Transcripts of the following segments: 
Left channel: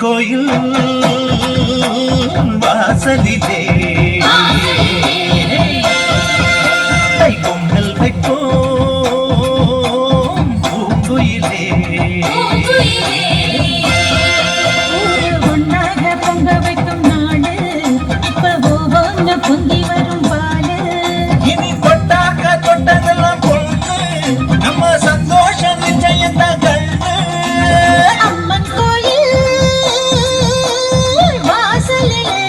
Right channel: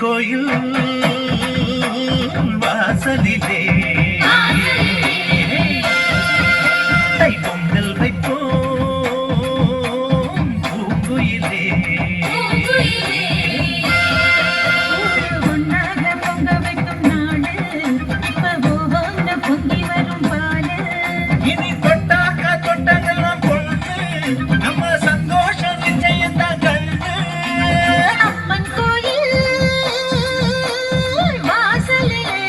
கோயில் வாசலிலே பொங்கல் வைப்போம் பூங்குயிலே. ஒன்னாக பொங்க வைக்கும் நாடு இப்ப ஓஹோன்னு பொங்கி வரும் பாடு. இனி கொட்டாக்க தொட்டதெல்லாம் பொண்ணு நம்ம சந்தோஷம் நிச்சயத்தான் கண்ணு. அம்மன் கோயில் வாசலிலே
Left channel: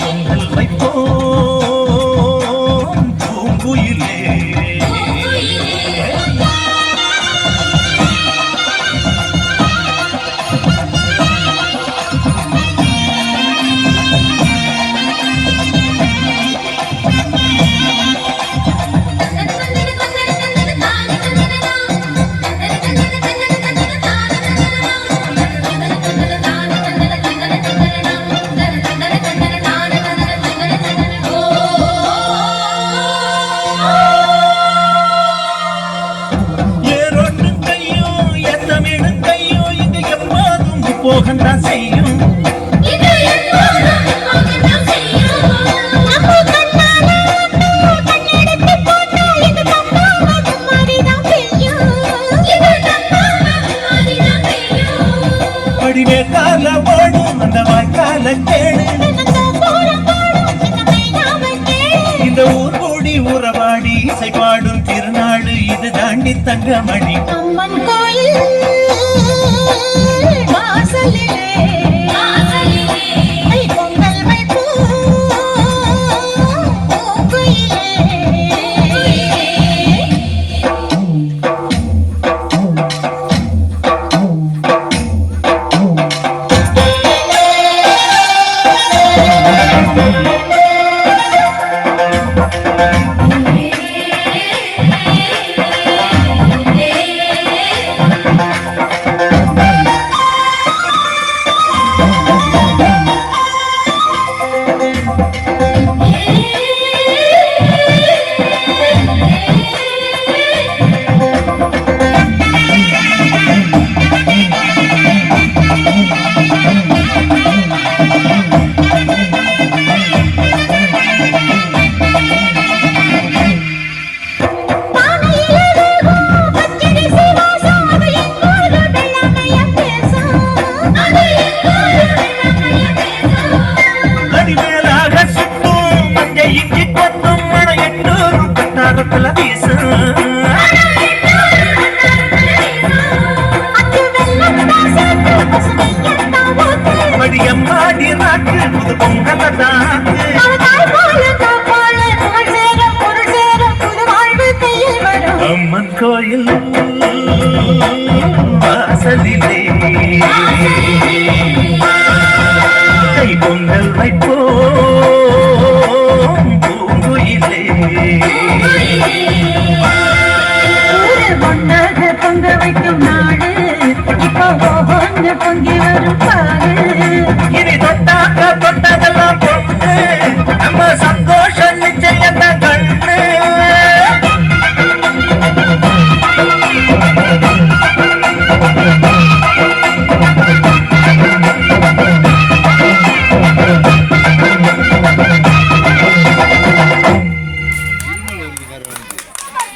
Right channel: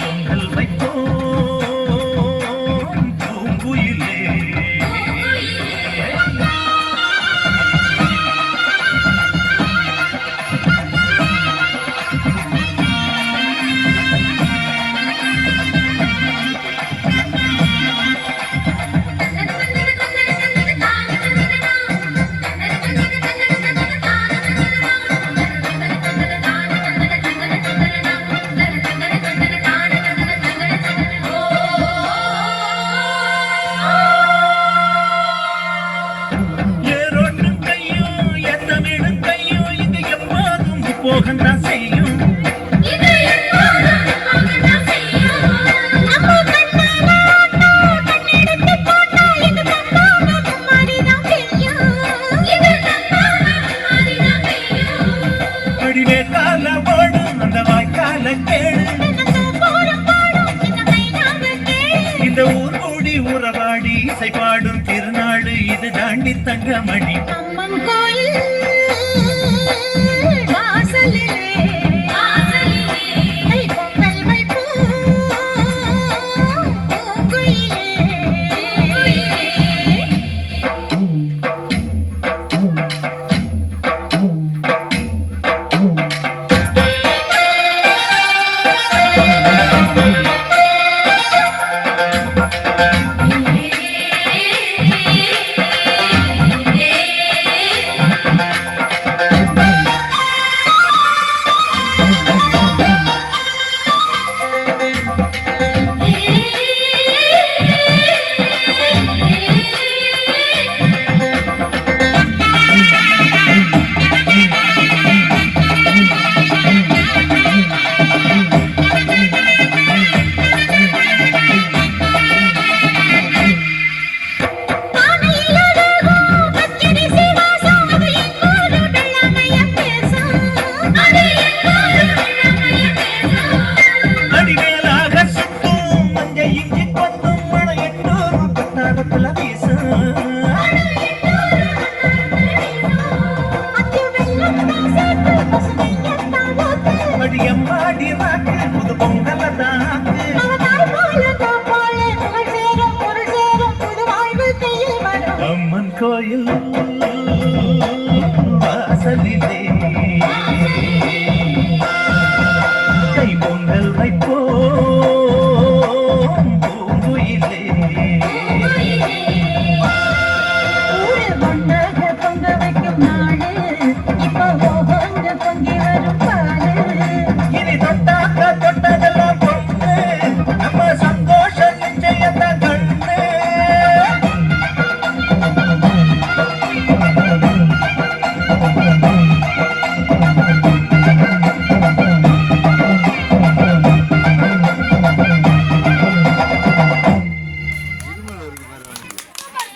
பொங்கல் வைப்போம் பூங்குயிலே. ஏரோட்டும் கையோ எத்தமிடும் கையோ இங்க எப்போதும் போகத்தான் செய்யும். படிவே கால ஓடும் அந்த வாய்க்கால கேடு. இந்த ஊர் கூடி உறவாடி இசை பாடும் திருநாடு இது தாண்டி தங்கமணி. அம்மன் கோயில்